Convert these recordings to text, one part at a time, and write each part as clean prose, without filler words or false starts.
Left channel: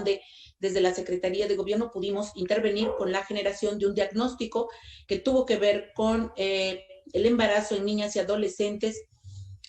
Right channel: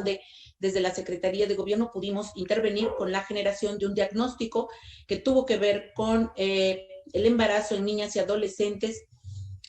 donde desde la Secretaría de Gobierno pudimos intervenir con la generación de un diagnóstico que tuvo que ver con el embarazo en niñas y adolescentes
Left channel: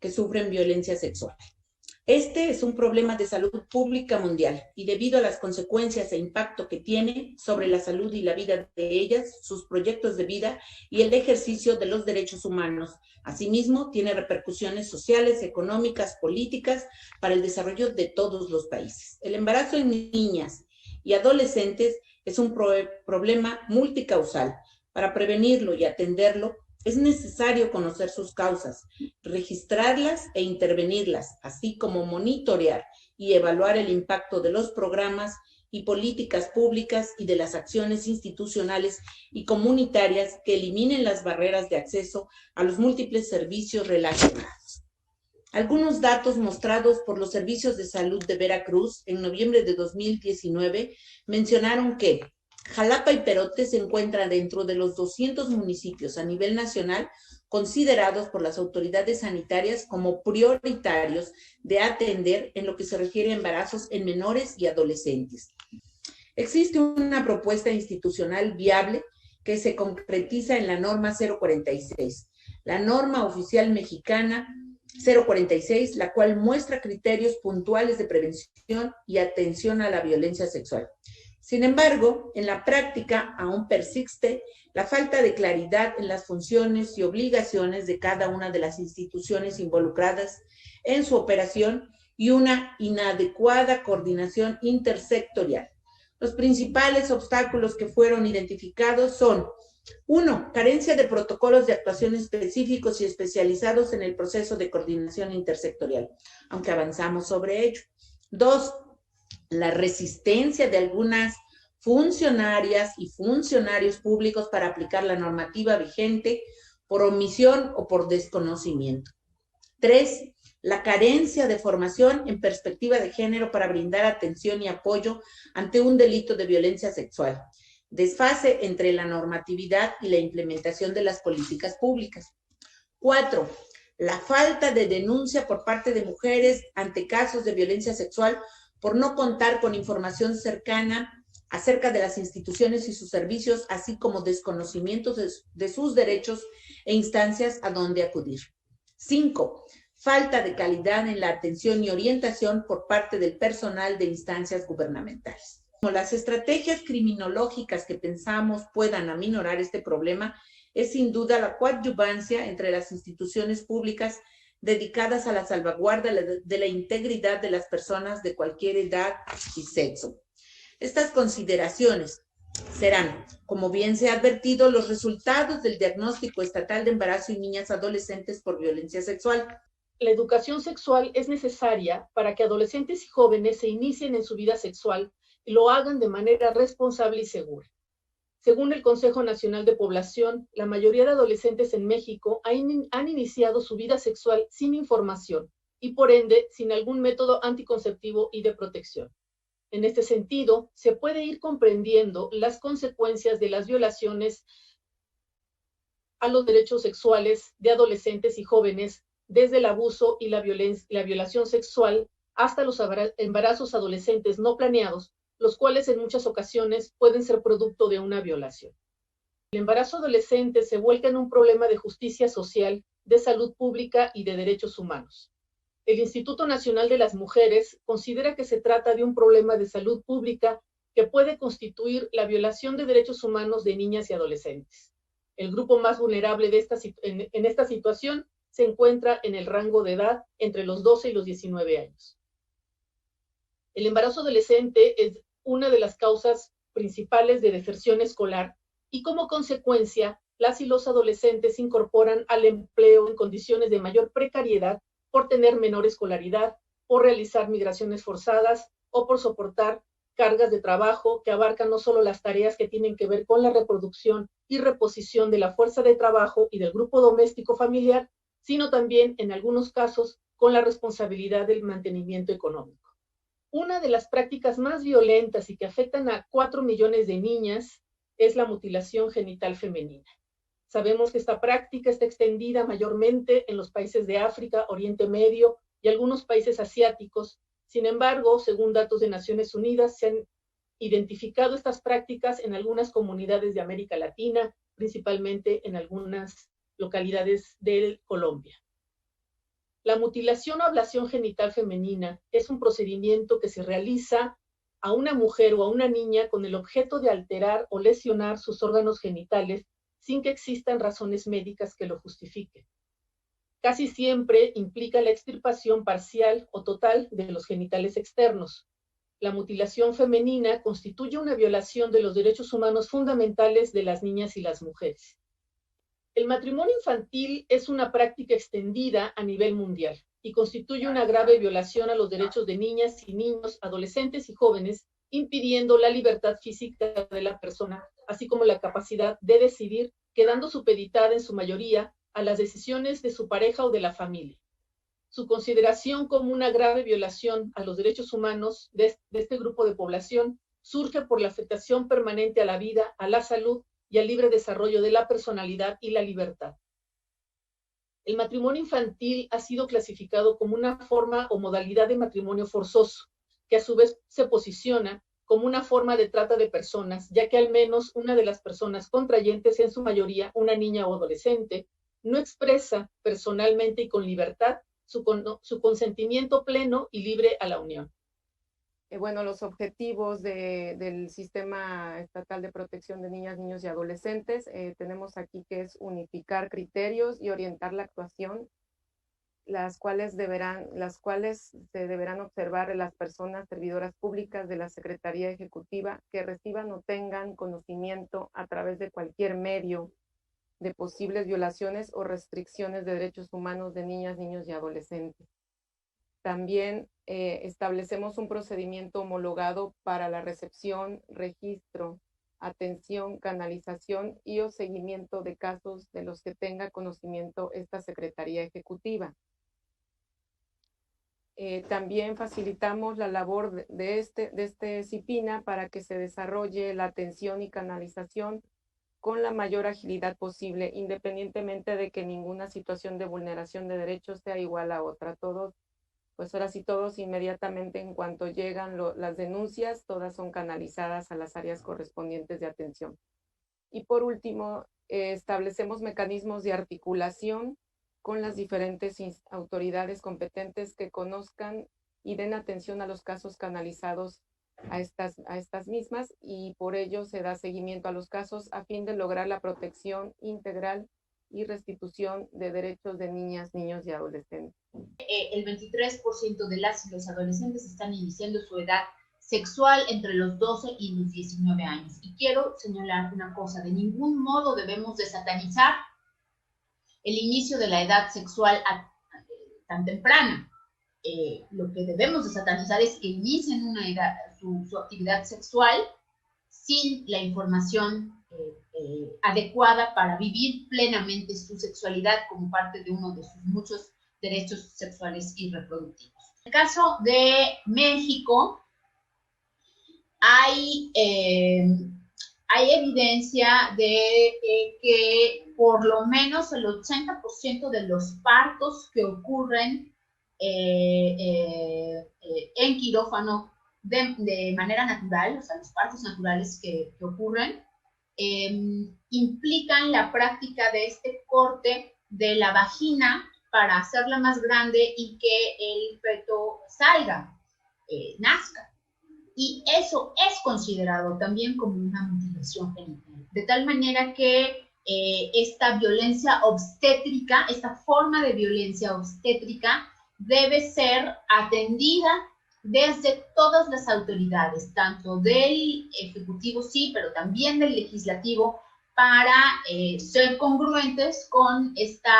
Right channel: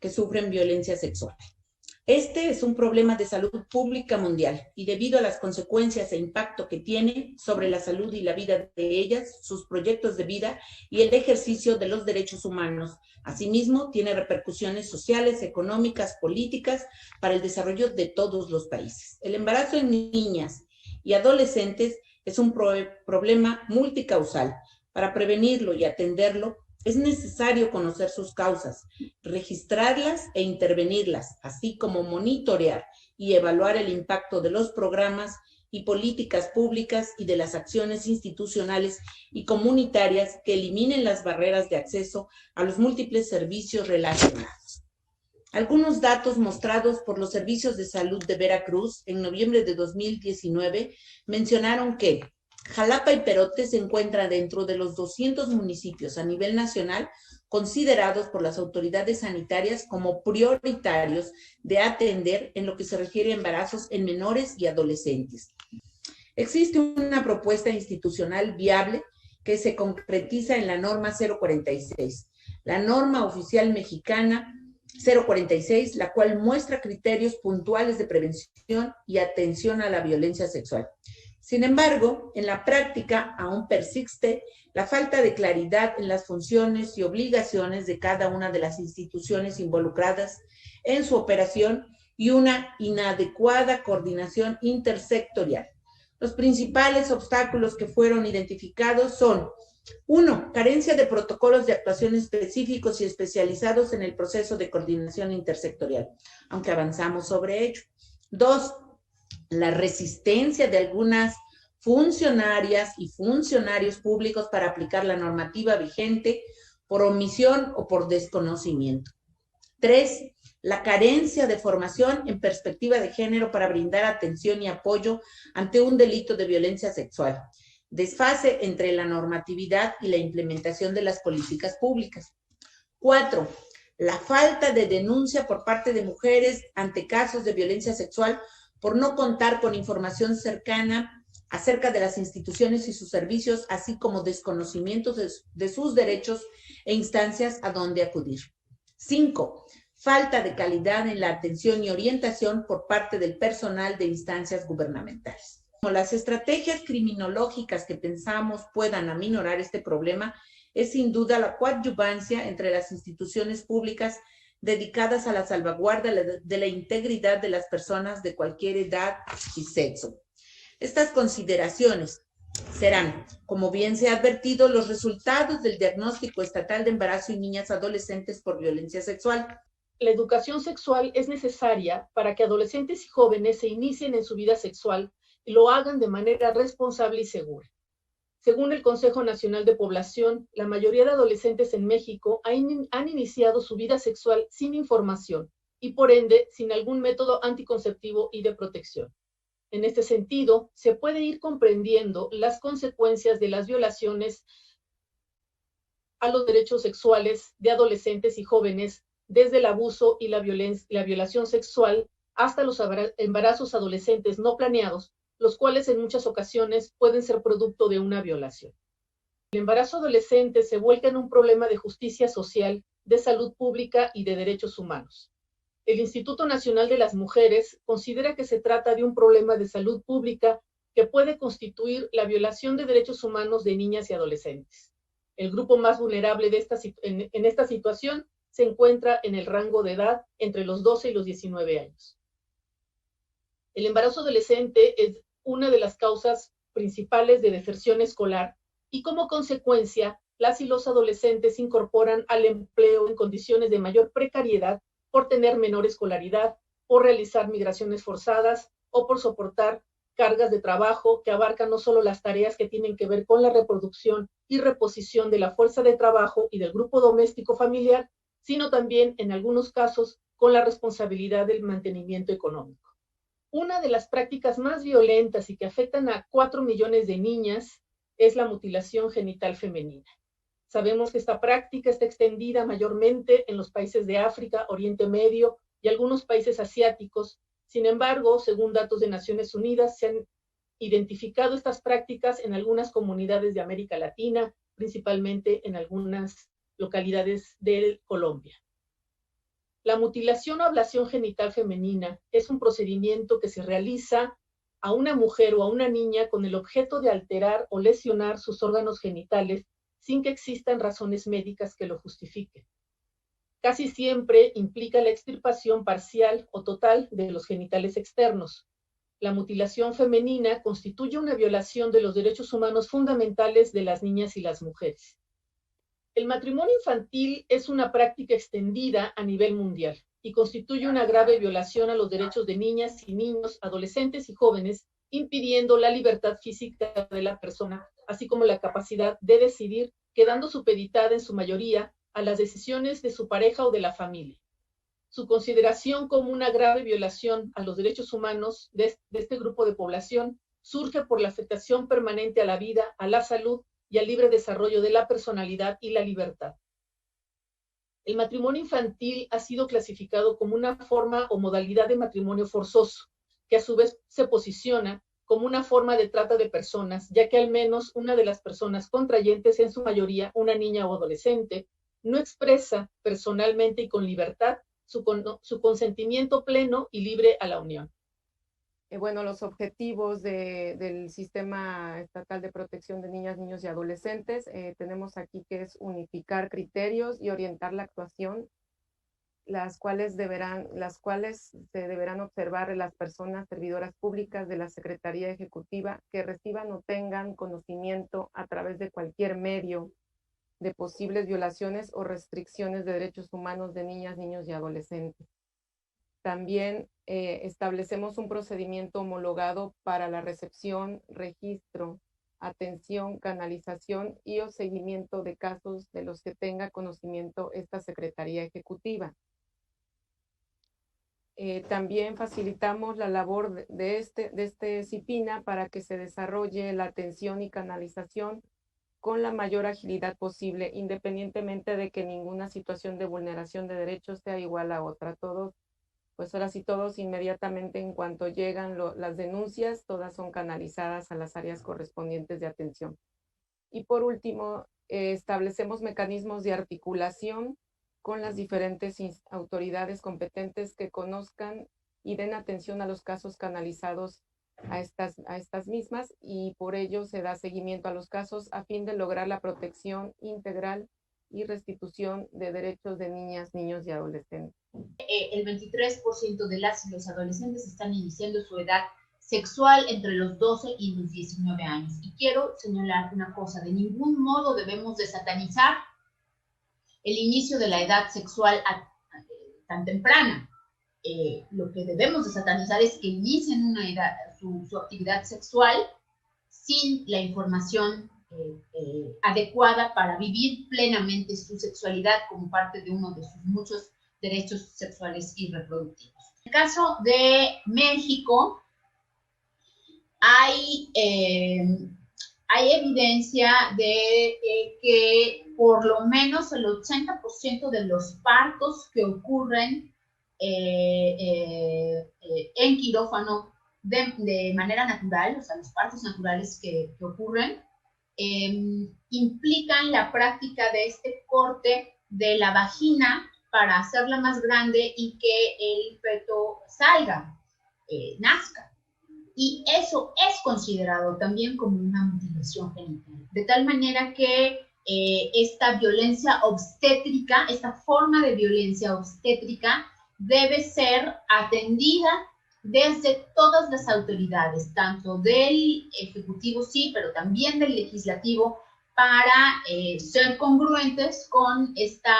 que sufren violencia sexual. Este es un problema de salud pública mundial y debido a las consecuencias e impacto que tiene sobre la salud y la vida de ellas, sus proyectos de vida y el ejercicio de los derechos humanos. Asimismo, tiene repercusiones sociales, económicas, políticas para el desarrollo de todos los países. El embarazo en niñas y adolescentes es un problema multicausal. Para prevenirlo y atenderlo, es necesario conocer sus causas, registrarlas e intervenirlas, así como monitorear y evaluar el impacto de los programas y políticas públicas y de las acciones institucionales y comunitarias que eliminen las barreras de acceso a los múltiples servicios relacionados. Algunos datos mostrados por los servicios de salud de Veracruz en noviembre de 2019 mencionaron que Jalapa y Perote se encuentran dentro de los 200 municipios a nivel nacional considerados por las autoridades sanitarias como prioritarios de atender en lo que se refiere a embarazos en menores y adolescentes. Existe una propuesta institucional viable que se concretiza en la norma 046, la norma oficial mexicana 046, la cual muestra criterios puntuales de prevención y atención a la violencia sexual. Sin embargo, en la práctica aún persiste la falta de claridad en las funciones y obligaciones de cada una de las instituciones involucradas en su operación y una inadecuada coordinación intersectorial. Los principales obstáculos que fueron identificados son: 1. Carencia de protocolos de actuación específicos y especializados en el proceso de coordinación intersectorial, aunque avanzamos sobre ello. 2. La resistencia de algunas funcionarias y funcionarios públicos para aplicar la normativa vigente por omisión o por desconocimiento. 3. La carencia de formación en perspectiva de género para brindar atención y apoyo ante un delito de violencia sexual. Desfase entre la normatividad y la implementación de las políticas públicas. 4. La falta de denuncia por parte de mujeres ante casos de violencia sexual por no contar con información cercana acerca de las instituciones y sus servicios, así como desconocimientos de sus derechos e instancias a donde acudir. 5. Falta de calidad en la atención y orientación por parte del personal de instancias gubernamentales. Como las estrategias criminológicas que pensamos puedan aminorar este problema es sin duda la coadyuvancia entre las instituciones públicas dedicadas a la salvaguarda de la integridad de las personas de cualquier edad y sexo. Estas consideraciones serán, como bien se ha advertido, los resultados del diagnóstico estatal de embarazo en niñas adolescentes por violencia sexual. La educación sexual es necesaria para que adolescentes y jóvenes se inicien en su vida sexual y lo hagan de manera responsable y segura. Según el Consejo Nacional de Población, la mayoría de adolescentes en México han iniciado su vida sexual sin información y por ende sin algún método anticonceptivo y de protección. En este sentido, se puede ir comprendiendo las consecuencias de las violaciones a los derechos sexuales de adolescentes y jóvenes, desde el abuso y la violación sexual hasta los embarazos adolescentes no planeados, los cuales en muchas ocasiones pueden ser producto de una violación. El embarazo adolescente se vuelca en un problema de justicia social, de salud pública y de derechos humanos. El Instituto Nacional de las Mujeres considera que se trata de un problema de salud pública que puede constituir la violación de derechos humanos de niñas y adolescentes. El grupo más vulnerable en esta situación se encuentra en el rango de edad entre los 12 y los 19 años. El embarazo adolescente es una de las causas principales de deserción escolar y como consecuencia, las y los adolescentes se incorporan al empleo en condiciones de mayor precariedad por tener menor escolaridad, por realizar migraciones forzadas o por soportar cargas de trabajo que abarcan no solo las tareas que tienen que ver con la reproducción y reposición de la fuerza de trabajo y del grupo doméstico familiar, sino también, en algunos casos, con la responsabilidad del mantenimiento económico. Una de las prácticas más violentas y que afectan a 4 millones de niñas es la mutilación genital femenina. Sabemos que esta práctica está extendida mayormente en los países de África, Oriente Medio y algunos países asiáticos. Sin embargo, según datos de Naciones Unidas, se han identificado estas prácticas en algunas comunidades de América Latina, principalmente en algunas localidades de Colombia. La mutilación o ablación genital femenina es un procedimiento que se realiza a una mujer o a una niña con el objeto de alterar o lesionar sus órganos genitales sin que existan razones médicas que lo justifiquen. Casi siempre implica la extirpación parcial o total de los genitales externos. La mutilación femenina constituye una violación de los derechos humanos fundamentales de las niñas y las mujeres. El matrimonio infantil es una práctica extendida a nivel mundial y constituye una grave violación a los derechos de niñas y niños, adolescentes y jóvenes, impidiendo la libertad física de la persona, así como la capacidad de decidir, quedando supeditada en su mayoría a las decisiones de su pareja o de la familia. Su consideración como una grave violación a los derechos humanos de este grupo de población surge por la afectación permanente a la vida, a la salud y al libre desarrollo de la personalidad y la libertad. El matrimonio infantil ha sido clasificado como una forma o modalidad de matrimonio forzoso, que a su vez se posiciona como una forma de trata de personas, ya que al menos una de las personas contrayentes, en su mayoría una niña o adolescente, no expresa personalmente y con libertad su consentimiento pleno y libre a la unión. Bueno, los objetivos del Sistema Estatal de Protección de Niñas, Niños y Adolescentes, tenemos aquí que es unificar criterios y orientar la actuación, las cuales se deberán observar las personas servidoras públicas de la Secretaría Ejecutiva que reciban o tengan conocimiento a través de cualquier medio de posibles violaciones o restricciones de derechos humanos de niñas, niños y adolescentes. También establecemos un procedimiento homologado para la recepción, registro, atención, canalización y o seguimiento de casos de los que tenga conocimiento esta Secretaría Ejecutiva. También facilitamos la labor de este CIPINA para que se desarrolle la atención y canalización con la mayor agilidad posible, independientemente de que ninguna situación de vulneración de derechos sea igual a otra. Pues ahora sí, todos inmediatamente en cuanto llegan las denuncias, todas son canalizadas a las áreas correspondientes de atención. Y por último, establecemos mecanismos de articulación con las diferentes autoridades competentes que conozcan y den atención a los casos canalizados a estas mismas, y por ello se da seguimiento a los casos a fin de lograr la protección integral y restitución de derechos de niñas, niños y adolescentes. El 23% de las y los adolescentes están iniciando su edad sexual entre los 12 y los 19 años. Y quiero señalar una cosa: de ningún modo debemos de satanizar el inicio de la edad sexual tan temprana. Lo que debemos de satanizar es que inicien una edad, su actividad sexual sin la información adecuada para vivir plenamente su sexualidad como parte de uno de sus muchos derechos sexuales y reproductivos. En el caso de México, hay evidencia de que por lo menos el 80% de los partos que ocurren en quirófano de manera natural, o sea, los partos naturales que ocurren, implican la práctica de este corte de la vagina para hacerla más grande y que el feto salga, nazca. Y eso es considerado también como una mutilación genital. De tal manera que esta violencia obstétrica, esta forma de violencia obstétrica, debe ser atendida desde todas las autoridades, tanto del Ejecutivo, sí, pero también del Legislativo, para ser congruentes con esta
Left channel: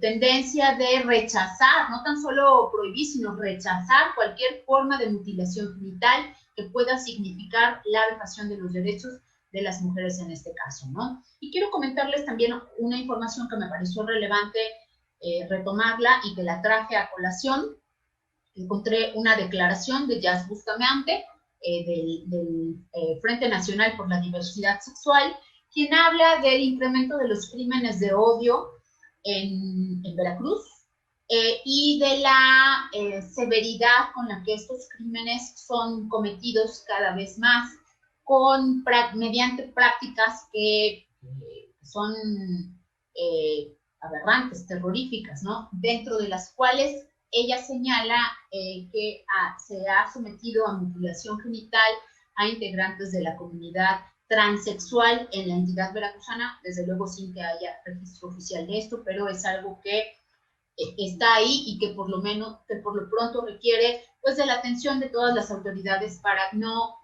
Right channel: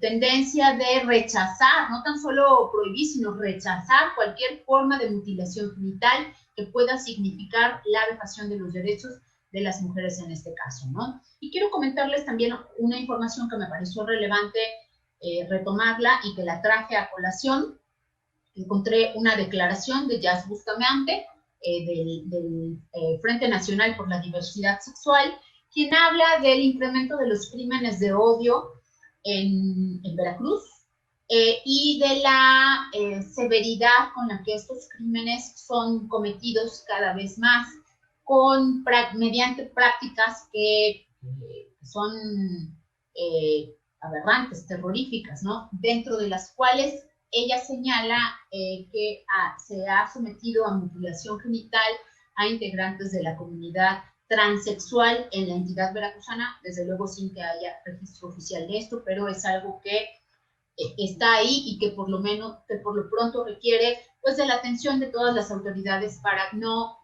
tendencia de rechazar, no tan solo prohibir, sino rechazar cualquier forma de mutilación genital que pueda significar la vejación de los derechos de las mujeres en este caso, ¿no? Y quiero comentarles también una información que me pareció relevante retomarla y que la traje a colación. Encontré una declaración de Jazz Bustamante, del Frente Nacional por la Diversidad Sexual, quien habla del incremento de los crímenes de odio en Veracruz, y de la severidad con la que estos crímenes son cometidos cada vez más, mediante prácticas que son aberrantes, terroríficas, ¿no? Dentro de las cuales ella señala que se ha sometido a mutilación genital a integrantes de la comunidad transexual en la entidad veracruzana, desde luego sin que haya registro oficial de esto, pero es algo que está ahí y que por lo pronto requiere pues de la atención de todas las autoridades para no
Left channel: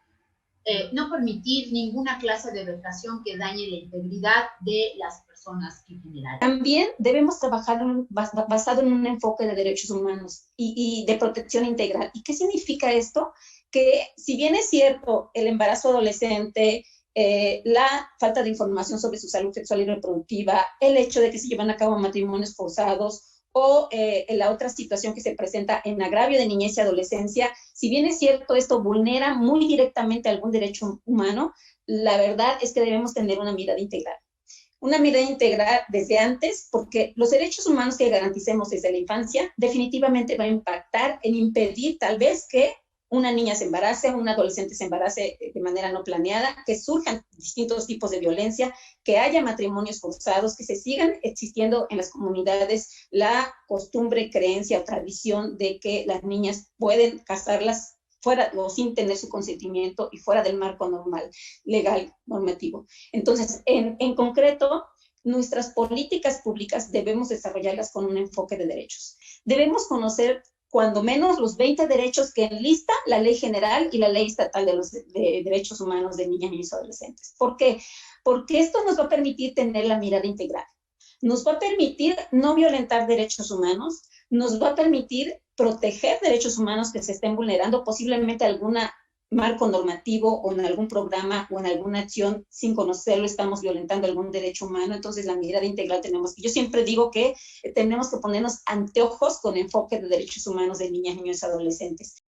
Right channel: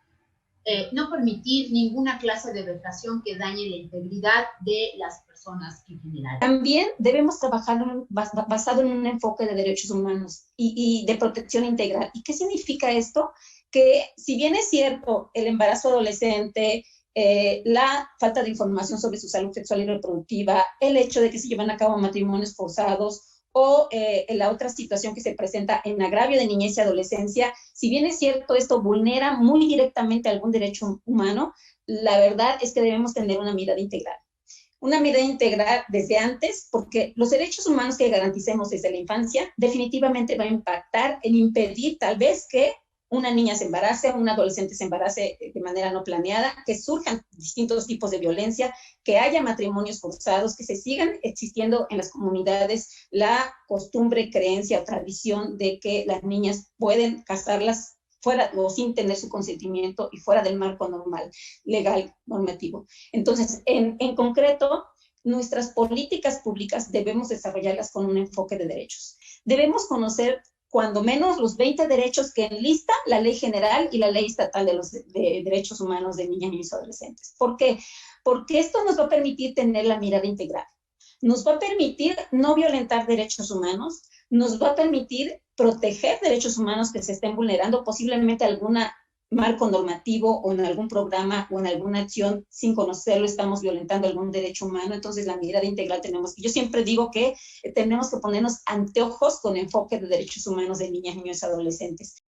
permitir ninguna clase de vejación que dañe la integridad de las personas en general. También debemos trabajar basado en un enfoque de derechos humanos y de protección integral. ¿Y qué significa esto? Que si bien es cierto el embarazo adolescente, la falta de información sobre su salud sexual y reproductiva, el hecho de que se llevan a cabo matrimonios forzados, o la otra situación que se presenta en agravio de niñez y adolescencia, si bien es cierto esto vulnera muy directamente algún derecho humano, la verdad es que debemos tener una mirada integral. Una mirada integral desde antes, porque los derechos humanos que garanticemos desde la infancia definitivamente va a impactar en impedir tal vez que una niña se embarace, un adolescente se embarace de manera no planeada, que surjan distintos tipos de violencia, que haya matrimonios forzados, que se sigan existiendo en las comunidades la costumbre, creencia o tradición de que las niñas pueden casarlas fuera o sin tener su consentimiento y fuera del marco normal, legal, normativo. Entonces, en concreto, nuestras políticas públicas debemos desarrollarlas con un enfoque de derechos. Debemos conocer cuando menos los 20 derechos que enlista la Ley General y la Ley Estatal de Derechos Humanos de Niñas, Niños y Adolescentes. ¿Por qué? Porque esto nos va a permitir tener la mirada integral. Nos va a permitir no violentar derechos humanos, nos va a permitir proteger derechos humanos que se estén vulnerando, posiblemente algún marco normativo o en algún programa o en alguna acción sin conocerlo estamos violentando algún derecho humano. Entonces la mirada integral yo siempre digo que tenemos que ponernos anteojos con enfoque de derechos humanos de niñas, niños y adolescentes.